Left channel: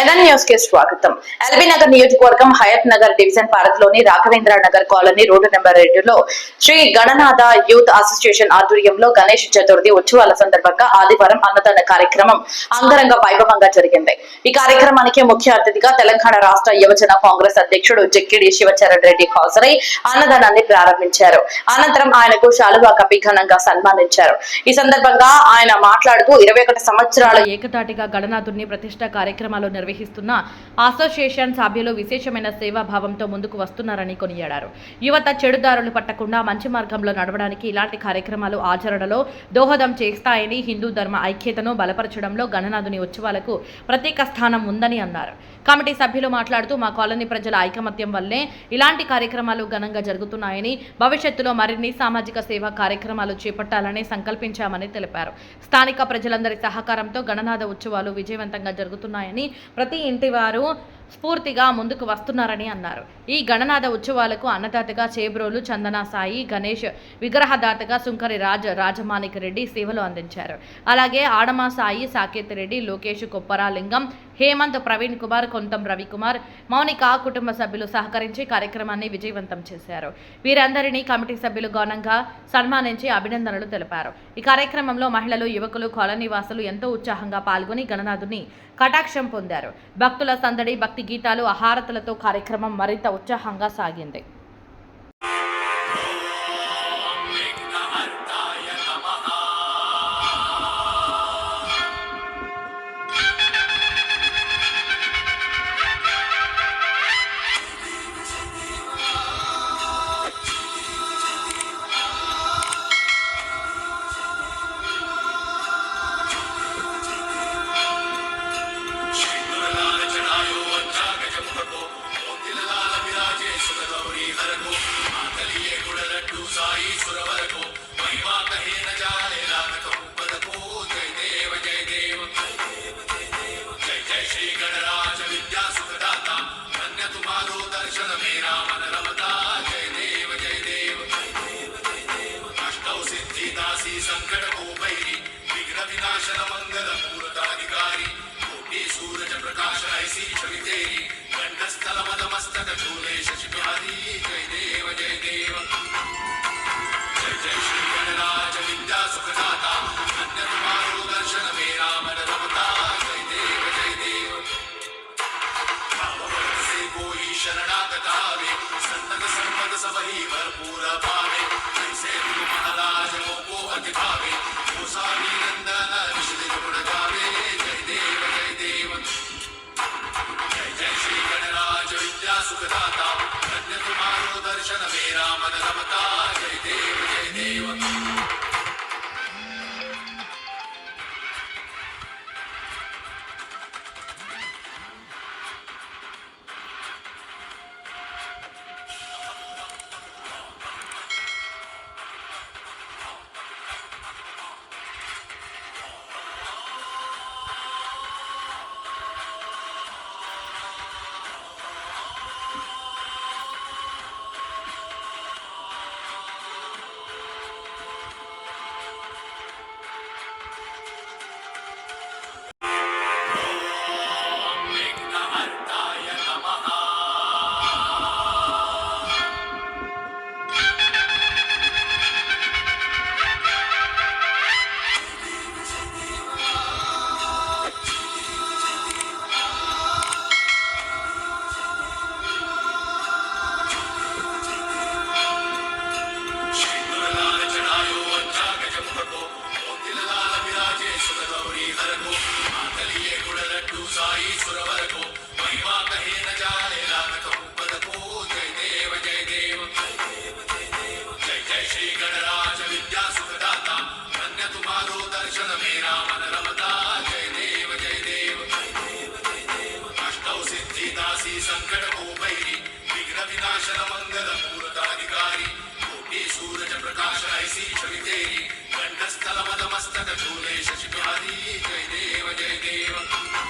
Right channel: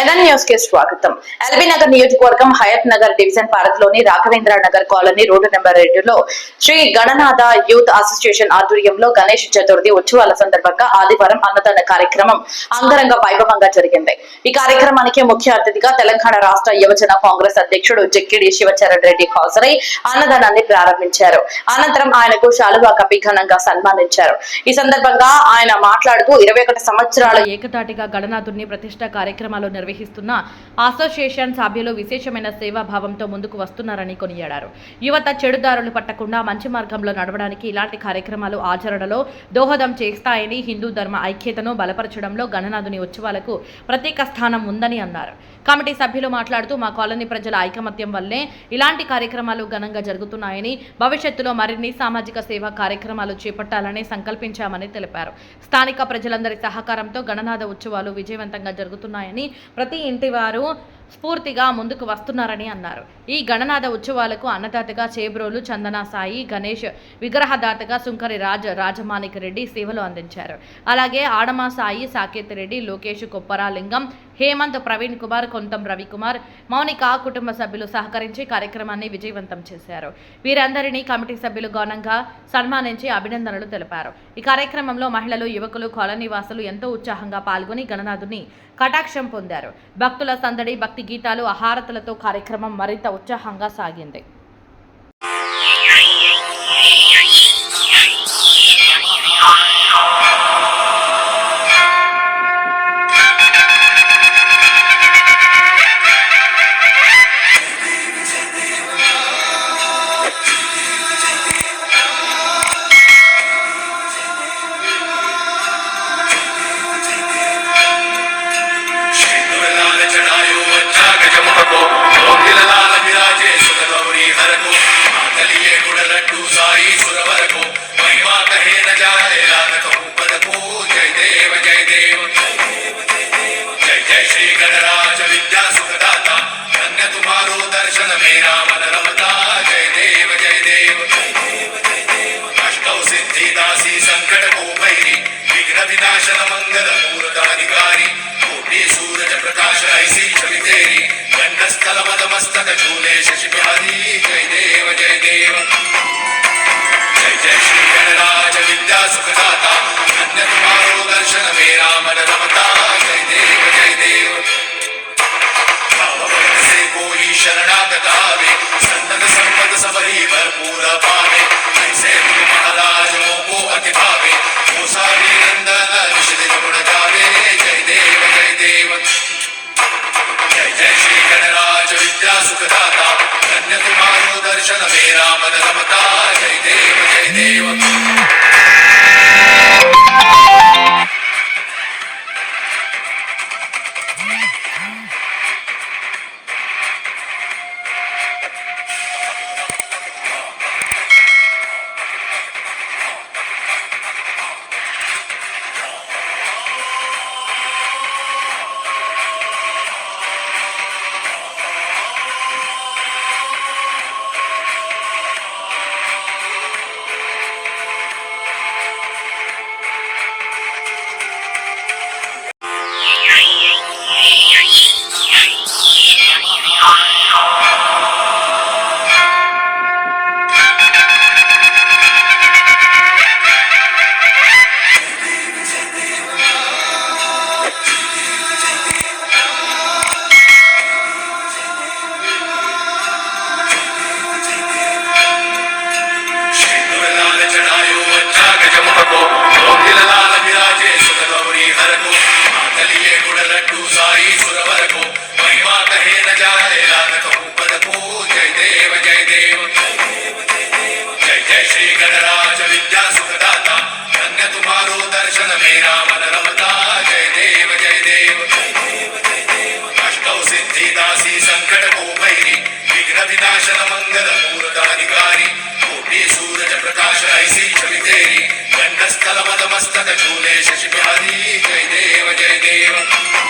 NN న్యూస్కి స్వాగతం. LB Nagar నియోజకవర్గం హయత్ నగర్ డివిజన్ పరిధిలోని Raghavendra Nagar colony road number రెండులో శ్రీ గణనాథ యూత్ అసోసియేషన్ ఆధ్వర్యంలో గణేష్ చతుర్థి ఉత్సవాల సందర్భంగా ఆదివారం అన్నదాన కార్యక్రమం అంగరంగ వైభవంగా జరిగింది. ఈ కార్యక్రమానికి ముఖ్య అతిథిగా తెలంగాణ రాష్ట్ర యువజన కాంగ్రెస్ అధ్యక్షుడు జక్కిడి శివచరణ్ రెడ్డి హాజరై అన్నదానాన్ని ప్రారంభించారు. అనంతరం ఆయనకు శాలువా కపి ఘనంగా సన్మానించారు. ఈ సందర్భంగా ఆయన మాట్లాడుతూ ఇరవై సంవత్సరాల ఏకతాటిగా గణనాథుని ప్రతిష్ట కార్యక్రమాలు నిర్వహిస్తున్న అసోసియేషన్ సభ్యులు విశేషమైన సేవాభావంతో ముందుకు వస్తున్నారని కొనియాడారు. యువత చెడుదారులు పట్టకుండా మంచి మార్గంలో నడవడానికి ఇలాంటి కార్యక్రమాలు ఆచరణలో దోహదం చేస్తాయని హిందూ ధర్మ ఐక్యతను బలపరచడంలో గణనాథుని ఉత్సవాలకు ప్రత్యేక స్థానం ఉందని అన్నారు. కమిటీ సభ్యులు మాట్లాడుతూ మా కాలనీ ప్రజల ఐకమత్యం వల్లే ఇలాంటి కార్యక్రమాలు ఘనంగా జరుగుతున్నాయని భవిష్యత్తులో మరిన్ని సామాజిక సేవా కార్యక్రమాలు చేపట్టాలని సంకల్పించామని తెలిపారు. స్థానిక ప్రజలందరి సహకారంతో గణనాథ ఉత్సవాలు విజయవంతంగా జరుగుతున్నాయని ప్రతి ఇంటి వారు స్ఫూర్తిగా ముందుకు వస్తున్నారని అన్నారు. ఈ గణనాథ ఉత్సవాలకు అన్నదాతగా చేబ్రోలు చందనా సాయి గణేష్ విగ్రహదాతగా సుంకరి రాజ్ రాజమాణిక రెడ్డి సేవలు అందించారు. అలాగే ఆడమా సాయి సాకేత్ రెడ్డి లోకేష్ కొప్పరాలింగం హేమంత్ ప్రవీణ్ కుమార్ కొంతం రవికుమార్ మౌనిక కుటుంబ సభ్యులు సహకరించి కార్యక్రమాన్ని విజయవంతం చేశారు. వీరందరినీ కమిటీ సభ్యులు ఘనంగా సన్మానించి అభినందనలు తెలిపారు. ఈ కార్యక్రమంలో మహిళలు యువకులు కాలనీవాసులు ఎంతో ఉత్సాహంగా పాల్గొని గణనాథుని కటాక్షం పొందారు. భక్తుల సందడి భక్తి గీతాలు ఆహారతలతో కార్యక్రమం మరింత ఉత్సాహంగా సాగింది. जय श्री गणराज विद्या सुखदाता, धन्य तुम्हारो दर्शन मेरा मन रमता। जय देव जय देव अष्टौ सिद्धि दासी संकट को भैरी विघ्न विनाशन मंगल मूर्ताधिकारी। कोटि सूरज प्रकाश ऐसी छवि तेरी, गंडस्थल मद मस्तक झूले शशि बिहारी जय देव जय देव। जय जय श्री गणराज विद्या सुखदाता, धन्य तुम्हारो भरपूर पावे, ऐसे गुरु महाराज को अति भावे मूसा नंदन निषिद गुण गावे जय देव जय देव। जय जय श्री गणराज विद्या सुखदाता धन्य तुम्हारो दर्शन मेरा मन रमता जय देव जय देव। गुड़ लड्डू साई महिमा कहे न जाए लाल कहूँ पद को जय देव जय देव। जय जय श्री गणराज विद्या सुखदाता धन्य तुम्हारो दर्शन मेरा मन रमता जय देव जय देव। अष्टौ सिद्धि दासी संकट को भैरी विघ्न विनाशन मंगल मूर्ताधिकारी कोटि सूरज प्रकाश ऐसी छवि तेरी गंडस्थल मद मस्तक झूले शशि बिहारी जय देव जय देव।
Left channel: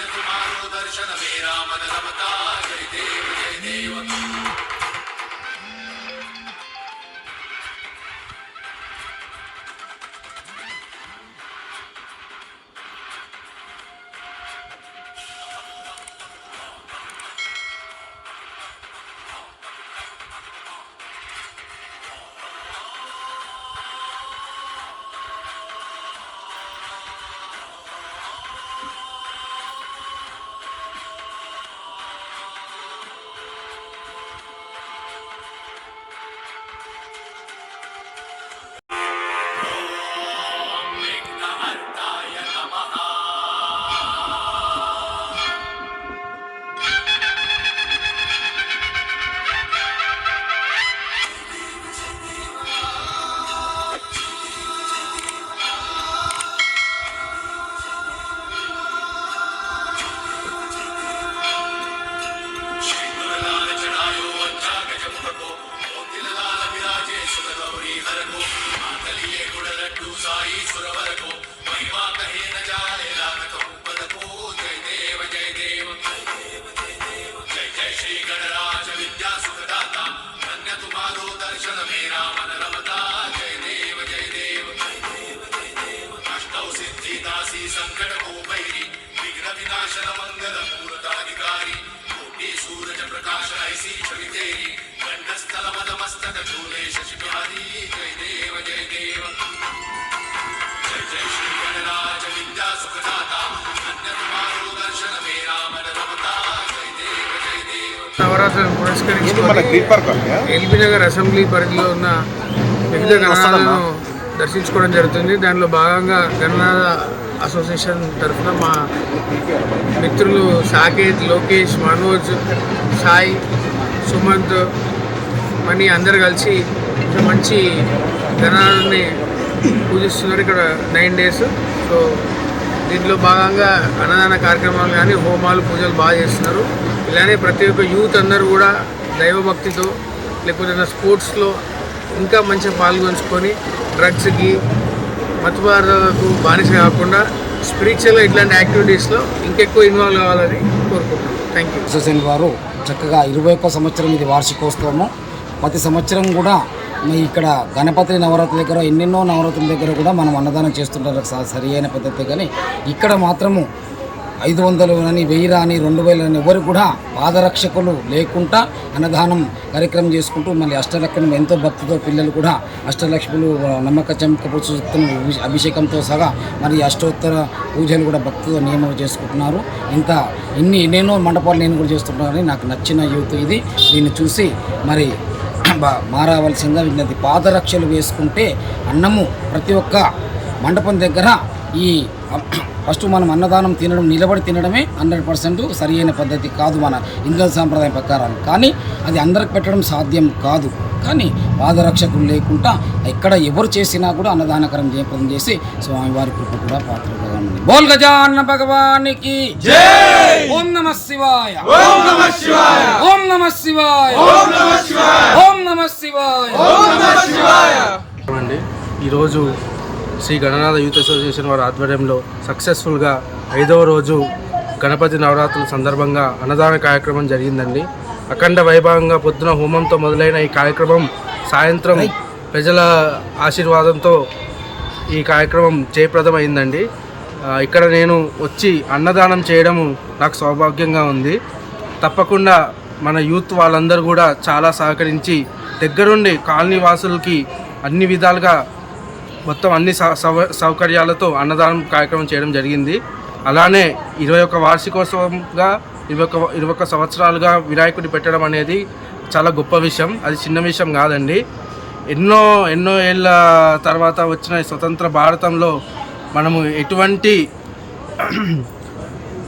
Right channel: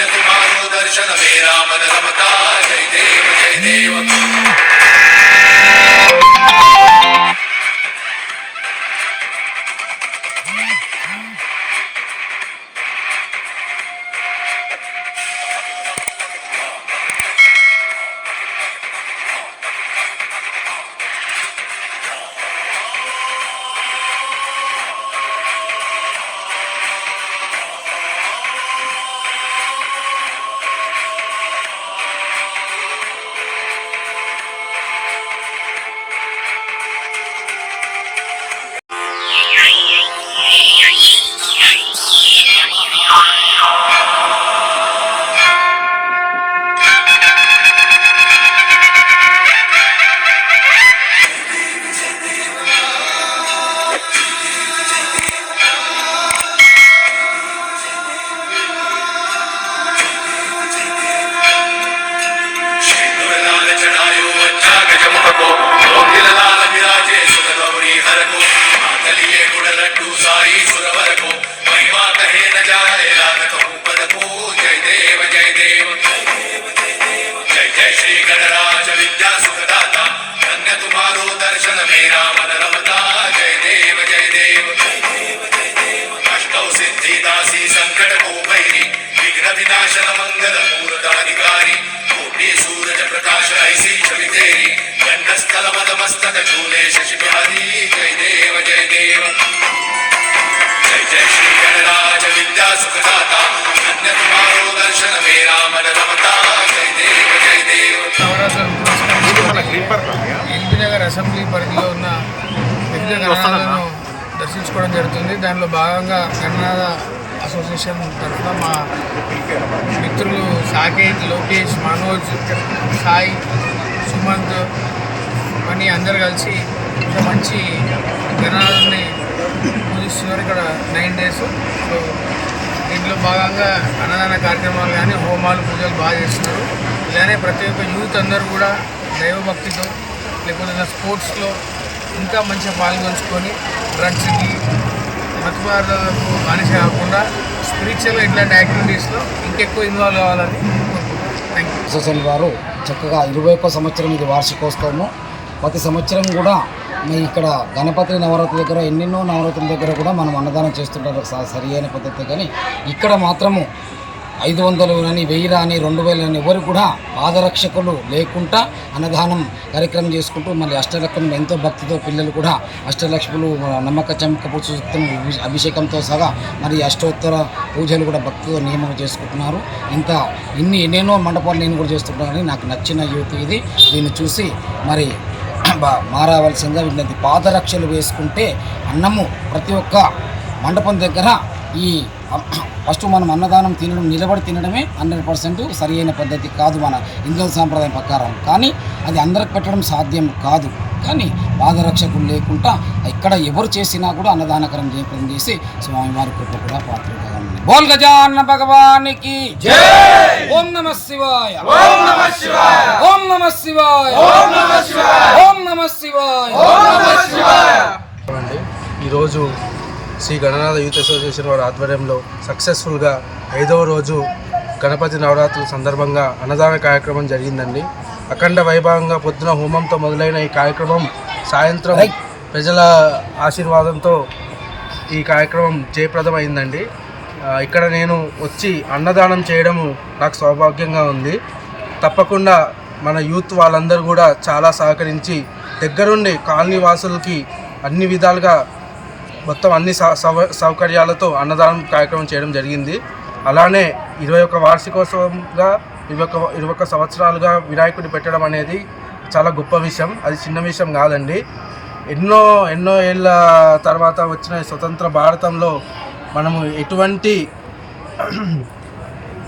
ಮಾನೋ ದರ್ಶನ ಮೇ ರಾಮನ ರಮತಾ ಜಯ ದೇವ ಜಯ ದೇವ. ఎల్బీ నగర్ అసెంబ్లీ పరిధిలో ఉన్న వివిధ గణనాలను దర్శించుకోవడం జరుగుతుంది. దానిలో భాగంగా గణనాథ అసోసియేషన్ తరఫున మా మిత్రులు సాకేత్ లోకేష్ మనోజ్ సాయి సుమంత్ మణి అందరు కలిసి ఇంత మంచి గణనాథుని పూజిస్తున్నారు ఇక్కడ నైన్ డేస్. సో దీంట్లో భాగంగా అన్నదాన కార్యక్రమాలు కానీ హోమాలు పూజలు బాగా చేస్తున్నారు. ఇలానే ప్రతి ఒక్క యూత్ అందరూ కూడా దైవభక్తితో లేకపోతే నా స్పోర్ట్స్లో ఇంకా మంచిగా పాల్గొంచుకొని డ్రగ్స్కి మతవాదాలకు బానిస కాకుండా స్పిరిచువల్గా ఇట్లాంటి యాక్టివిటీస్లో ఇంకెక్కువ ఇన్వాల్వ్ కావాలని కోరుకుంటున్నాను. Thank you. అసోసియేషన్ వారు చక్కగా ఇరవై ఒక్క సంవత్సరం ఇది వార్షికోత్సవము. ప్రతి సంవత్సరం కూడా మీ ఇక్కడ గణపతి నవరాత్రి దగ్గర ఎన్నెన్నో నవరాత్రుల దగ్గర కూడా మనం అన్నదానం చేస్తుంటారు. స- సరి అయిన పద్ధతి కానీ ఇక్కడ మాత్రము ఐదు వందలు అని వెయ్యి రాని రెండు వేలు అని ఎవరు కూడా పాదరక్షకులు లేకుండా అన్నదానం కార్యక్రమం చేసుకుంటూ మళ్ళీ అష్టలక్ష్మి ఎంతో భక్తితో పిల్లలు కూడా అష్టలక్ష్ములు నమ్మక చమక అభిషేకంతో సహా మరి అష్టోత్తర పూజలు కూడా భక్తితో నియమం చేసుకుంటున్నారు. ఇంత ఇన్ని ఎన్నెన్నో మండపాలు నేను కూడా చేస్తుంటానని నాకు నచ్చిన యూత్ ఇది. దీన్ని చూసి మరి బా- మారవలసిందిగా విన్నది పాదరక్షలు వేసుకుంటే అన్నము ప్రతి ఒక్క మండపం దగ్గర ఈ ఫస్ట్ మనం అన్నదానం తినడం నిలబడి తినడమే హండ్రెడ్ పర్సెంట్ సరి అయిన పద్ధతి కాదు మన హిందూ సాంప్రదాయం ప్రకారం. కానీ అది అందరికి పెట్టడం సాధ్యం కాదు. కానీ పాదరక్షకులు లేకుండా ఇక్కడ ఎవరు చేసినా కూడా అన్నదానకరం జయప్రదం చేసి స్వామివారి కృప కూడా పాత్రగా ఉంది బోల్ గజాన్న భగవానికి ఓం నమ శివాయ. ఓం నమ శివాయ. ఓం నమ శివాయ. ఓం నమ శివాయ. ఓం నమ శివాయ. ఓం నమ శివాయ. అండి ఈరోజు శ్రీ గణనాథ యూత్ అసోసియేషన్ వారి ఆధ్వర్యంలో సక్సెస్ఫుల్గా ఐదవ రోజు గణపతి నవరాత్రుల సందర్భంగా అన్నదాన కార్యక్రమం జరిగిందండి. అఖండ వైభవంగా పొద్దున హోమంతో మొదలైన ఈ కార్యక్రమం సాయంత్రం ప్రజల ఆశీర్వాదంతో ఈ కార్యక్రమం జయప్రదమైందండి. ఆ, ఇక్కడ నేను వచ్చి అన్నదానం చేయడము నాకు సౌభాగ్యంగా ఉంది. తప్పకుండా మన యూత్ వాళ్ళందరూ కూడా చాలా సహకరించి దగ్గరుండి కాలనీ వాసులకి అన్ని విధాలుగా మొత్తం అన్ని సౌ- సౌ- సౌకర్యాలతో అన్నదానం కార్యక్రమం చేయడం జరిగింది. అలానే ఇరవై ఒక్క వార్షికోత్సవంగా ఇరవై ఒక ఇరవై ఒక సంవత్సరాలుగా వినాయకుడిని పెట్టడం అనేది చాలా గొప్ప విషయం. అది చిన్న విషయం కాదండి. ఎన్నో ఎన్నో ఏళ్ళ తర్వాత వచ్చిన స్వతంత్ర భారతంలో మనము ఎటువంటి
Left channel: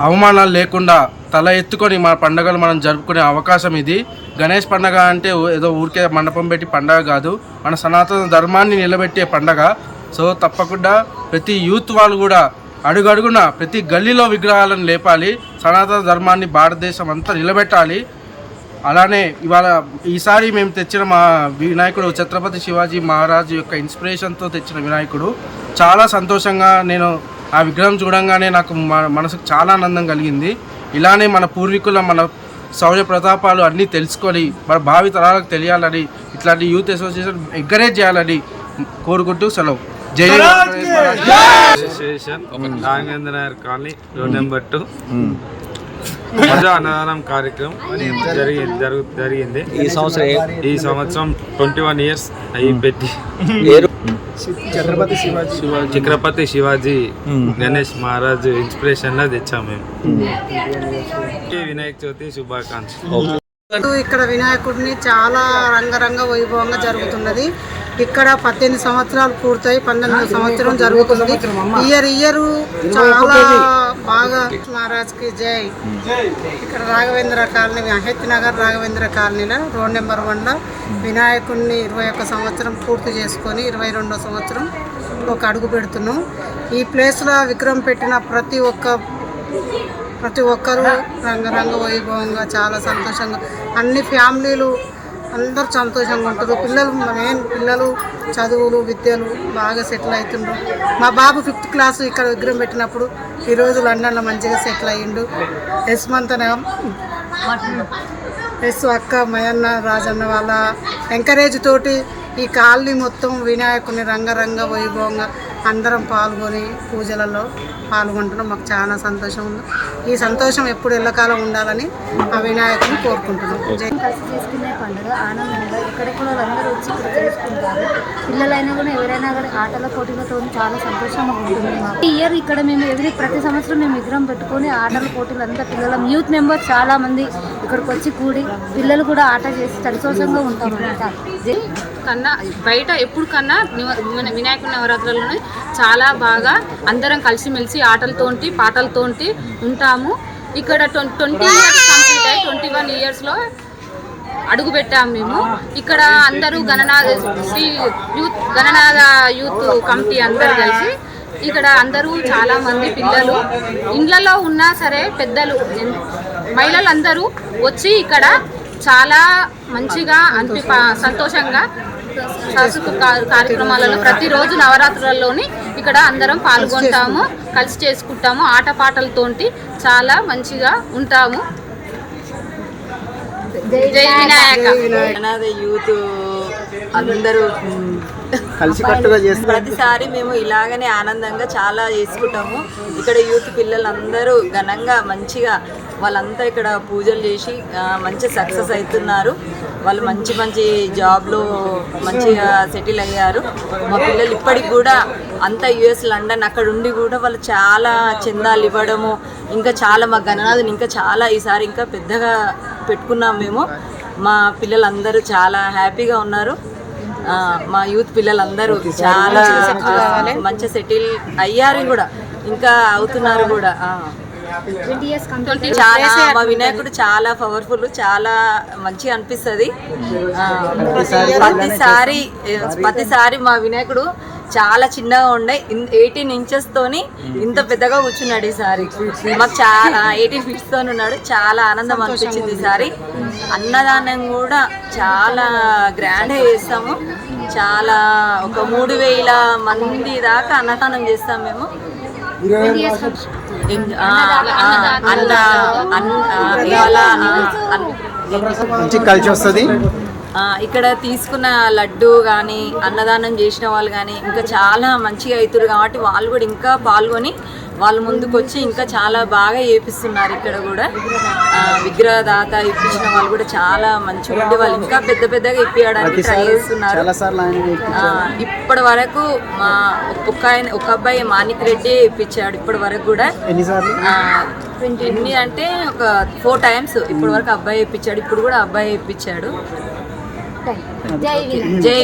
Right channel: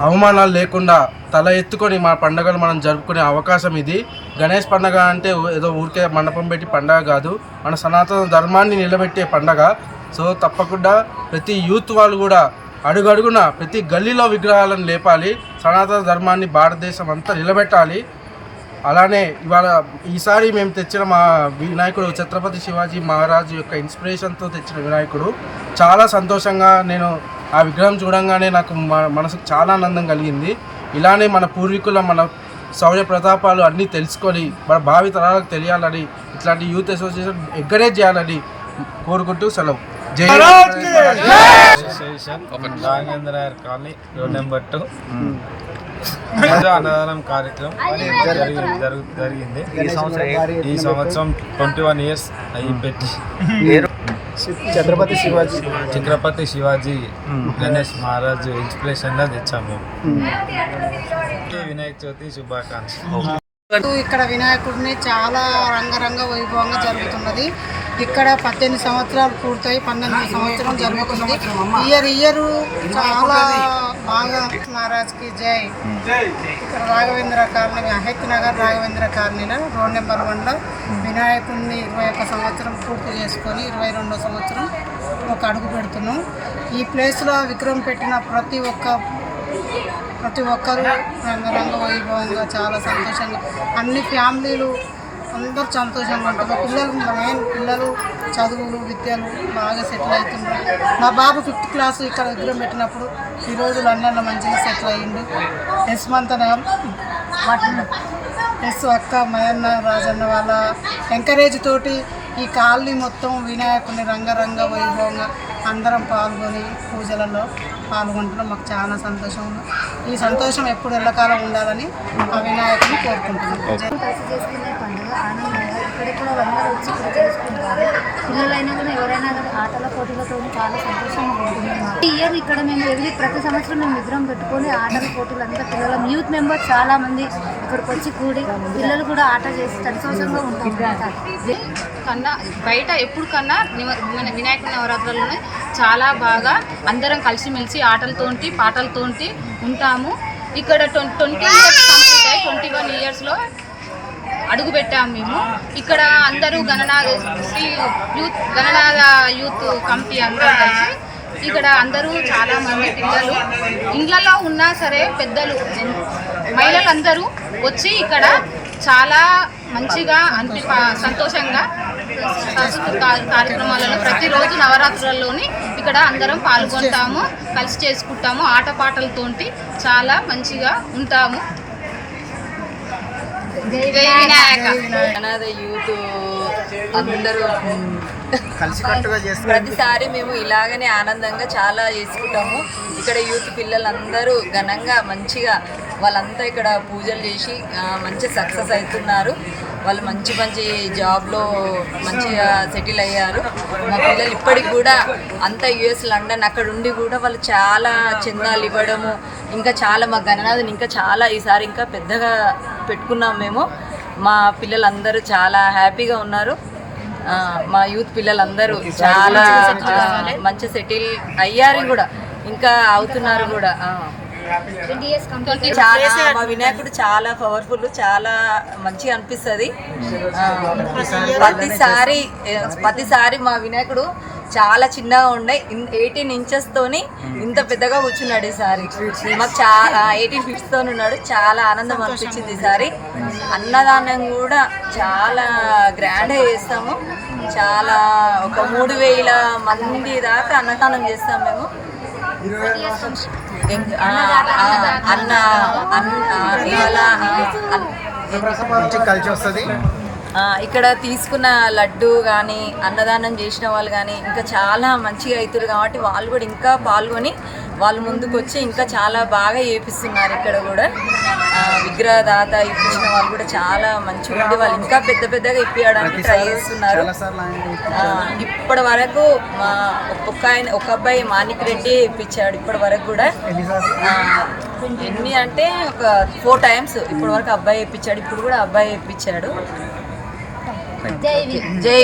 అవమానాలు లేకుండా తల ఎత్తుకొని మన పండుగలు మనం జరుపుకునే అవకాశం ఇది. గణేష్ పండగ అంటే ఏదో ఊరికే మండపం పెట్టి పండగ కాదు. మన సనాతన ధర్మాన్ని నిలబెట్టే పండగ. సో తప్పకుండా ప్రతి యూత్ వాళ్ళు కూడా అడుగడుగున ప్రతి గల్లీలో విగ్రహాలను లేపాలి. సనాతన ధర్మాన్ని భారతదేశం అంతా నిలబెట్టాలి. అలానే ఇవాళ ఈసారి మేము తెచ్చిన మా వినాయకుడు ఛత్రపతి శివాజీ మహారాజు యొక్క ఇన్స్పిరేషన్తో తెచ్చిన వినాయకుడు. చాలా సంతోషంగా నేను ఆ విగ్రహం చూడంగానే నాకు మనసుకు చాలా ఆనందం కలిగింది. ఇలానే మన పూర్వీకుల మన శౌర్య ప్రతాపాలు అన్నీ తెలుసుకొని మన భావి తరాలకు తెలియాలని ఇట్లాంటి యూత్ అసోసియేషన్ ఎంకరేజ్ చేయాలని కోరుకుంటూ సెలవు. Association Raghavendra colony road number two. అన్నదానం కార్యక్రమం జరిగింది జరుగు జరిగింది. ఈ సంవత్సరం ఈ సంవత్సరం ట్వంటీ వన్ ఇయర్స్ అయ్యి పెట్టి. ఛత్రపతి శివాజీ. చక్రపతి శివాజీ గణేష్ మహారాజు ఇన్స్పిరేషన్ లా తెచ్చాం మేము. వినాయక చవితి శుభాకాంక్షలు. ఇక్కడ వినాయకుడిని చాలా రంగరంగ వైభవంగా జరుగుతున్నది. ఇక్కడ పద్దెనిమిది సంవత్సరాలు పూర్తయి పన్నెండు సంవత్సరం జరుగుతుంది. ఇయర్ ఇయర్ చాలా బాగా మహారాజ్కి జై. ఇక్కడ రాఘవేంద్ర కాలనీ అహెత్ నగర్ రాఘవేంద్ర కాలనీలో రోడ్ నెంబర్ వన్లో వినాయకుడిని ఇరవై ఒక్క సంవత్సరం పూర్తి చేసుకొని ఇరవై రెండో సంవత్సరం ఒక అడుగు పెడుతున్నాం. ఈ ప్లేస్లో విగ్రహం పెట్టిన ప్రతి ఒక్క ప్రతి ఒక్కరూ రంగరంగ వైభవంగా చాలా సంతోషంగా అన్ని ఫ్యామిలీలు అందరూ సంతోషంగా ఉంటారు. పిల్లలు మెయిన్ పిల్లలు చదువులు విద్యలు బాగా సెటిల్ అవుతుండ్రు. మా బాబు ఫిఫ్త్ క్లాస్ ఇక్కడ విగ్రహం పెట్టినప్పుడు ఈరోజు లండన్లో మంచిగా సెటిల్ అయ్యిండు. యశ్మంతన ఎస్ అక్క మయన్న రాజన్న వాళ్ళ ఎంకరేజ్ తోటి ఈ కాలనీ మొత్తం వినాయకుని రంగరంగ వైభవంగా అందరం పాల్గొని పూజలలో పాల్గొంటున్నాం. మాకు చాలా సంతోషం ఉంది. ఈ సంతోషం ఎప్పుడు ఎల్లకాలం ఉండాలని ఆ వినాయకుని కోరుకుంటున్నాం. కలిసి చేసుకునే పండుగ ఆనందంగా ఎక్కడెక్కడ వాళ్ళందరూ వచ్చి ఇక్కడ చేసుకుంటారు. పిల్లలైనా కూడా ఎవరైనా కానీ ఆటల పోటీలతో చాలా సంతోషంగా ఉంటుంది మాకు. ఈ ఇయర్ ఇక్కడ మేము ఎవ్రీ ప్రతి సంవత్సరం మేము విగ్రహం పెట్టుకొని ఆటల పోటీలు అంతా పిల్లల యూత్ మెంబర్స్ చాలా మంది ఇక్కడికి వచ్చి కూడి పిల్లలు కూడా ఆట చేసి సంతోషంగా ఉంటాం కన్నా బయట ఎప్పుడు కన్నా నివ- వినాయకుడి నవరాత్రులను చాలా బాగా అందరం కలిసిమెలిసి ఆటలతోటి పాటలతోటి ఉంటాము. ఇక్కడ ట్వంటీ ఇయర్స్ కంప్లీట్ అయ్యి ట్వంటీ వన్ ఇయర్స్లో అడుగు పెట్టాము మేము. ఇక్కడ అందరూ Gananatha Sri youth Gananatha youth committee అందరూ కలిసి ఇక్కడ అందరూ చాలా మంది పిల్లలు. ఇండ్లలో ఉన్నా సరే పెద్దలు మహిళలందరూ వచ్చి ఇక్కడ చాలా మంచిగా అనిపి సంతోషంగా సాంస్కృతిక కార్యక్రమాలలో ప్రతిరోజు నవరాత్రులలోని ఇక్కడ అందరం పాల్గొంటాము కలిసి చేసుకుంటాము ఆటపాటలతోటి చాలా మంచిగా ఉంటాము. జై వినాయక. అనాథ యూత్ అందరూ ప్రతిసారి మేము ఇలాగనే ఆనందంగా చాలా చేసుకుంటాము. ఇక్కడ యూత్ పిల్లలందరూ ఘనంగా మంచిగా వాళ్ళంతా ఇక్కడ పూజలు చేసి మంచి సక్సెస్ అవుతున్నారు. వాళ్ళు మంచి మంచి జాబ్లో మంచిగా సెటిల్ అయ్యారు. మా పిల్లలు ఇప్పటికి కూడా అంతా యుఎస్ లండన్ అక్కడ ఉండి కూడా వాళ్ళు చాలా చందాలు ఇవ్వడము ఇంకా చాలా మా గణనాథుని ఇంకా చాలా ఈసారి ఇంకా పెద్దగా పెట్టుకున్నాం మేము. మా పిల్లలందరూ చాలా హ్యాపీగా ఉన్నారు. మా యూత్ పిల్లలందరూ చాలా మంచి సెటిల్ అయ్యారు కూడా ఇంకా అవుతున్నారు కూడా చాలా మా వినాయకుడు చాలా పవర్ఫుల్ చాలా మంచిగా అనిపిస్తుంది. ప్రతిసారి ప్రతిసారి మా వినాయకుడు చాలా చిన్నగా ఉండే ఎయిటీన్ ఇంచెస్ తోని ఇంత పెద్దగా కూర్చున్నాడు ఈసారి. మాకు చాలా ఎయిటీన్ ఫీట్స్ తోని ఉన్నాడు. చాలా ఆనందం అనిపించింది ఈసారి. అన్నదానం కూడా చాలా గ్రాండ్గా చేస్తాము. చాలా ఒక మూడు వేల మంది దాకా అన్నదానం చేస్తాం మేము. అన్న ఇవాళ? కలిసి వస్తుంది ఆ, ఇక్కడ తీసుకున్న లడ్డు కానీ అన్నదానం చేసిన వాళ్ళు కానీ ఇంకా చాలా మంచిగా అవుతారు కాబట్టి వాళ్ళు కూడా ఇంకా పాల్గొని వాళ్ళు ముందుకు వచ్చి ఇంకా చాలా బాగా చేపిస్తున్నారు ఇక్కడ కూడా. విగ్రహదాత ఇప్పించిన వాళ్ళు కూడా చాలా మంచిగా ఉండి వాళ్ళు ఇంకా పెద్ద పెద్దగా ఇప్పించడానికి ట్రై చేస్తున్నారు. ఇప్పటి వరకు మా ఒక ఆయన ఒక అబ్బాయి మాణిక్ రెడ్డి ఇప్పించాడు ఇప్పటి వరకు కూడా. ఎన్ని అంటే ఒక ఫోర్ టైమ్స్ ఇప్పటి వరకు అబ్బాయి ఇప్పించాడు. ఇప్పుడు కూడా అబ్బాయి ఇప్పించాడు. జై వినాయక జై